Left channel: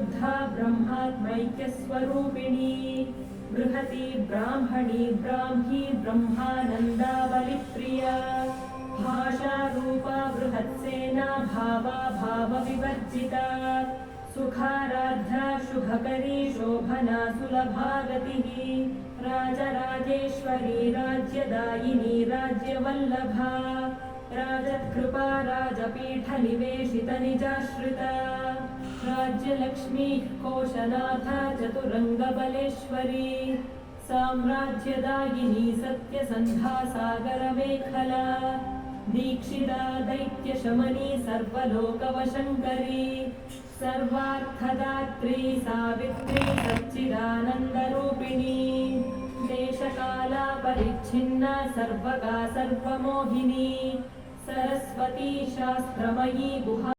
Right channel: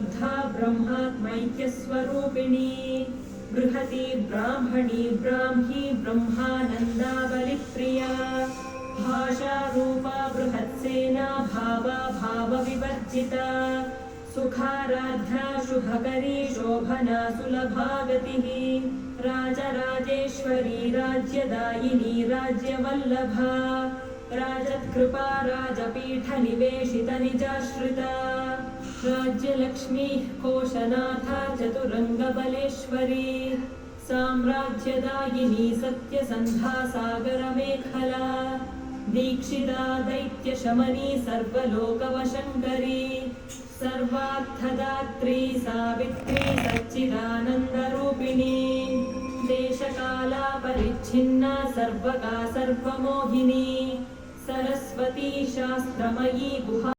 शुद्धा ब्रह्मात्मैक्यस्वरूपिणी बृहती ब्राह्मणी ब्राह्मी ब्रह्मानन्दावलिप्रिया भाषारूपा बृहत्सेना भावा भावविवर्जिता सुखाराध्या शुभकरी शोभना सुलभा गतिः राजराजेश्वरी राज्यदायिनी राज्यवल्लभा राजत्कृपा राजपीठनिवेशितनिजाश्रिता राज्यलक्ष्मीः कोशनाथा चतुरङ्गबलेश्वरी साम्राज्यदायिनी सत्यसन्धा सागरमेखला दीक्षिता दैत्यशमनी सर्वलोकवशङ्करी सर्वार्थदात्री सावित्री सच्चिदानन्दरूपिणी देशकालापरिच्छिन्ना सर्वगा सर्वमोहिनी सरस्वती शास्त्रमयी गुहा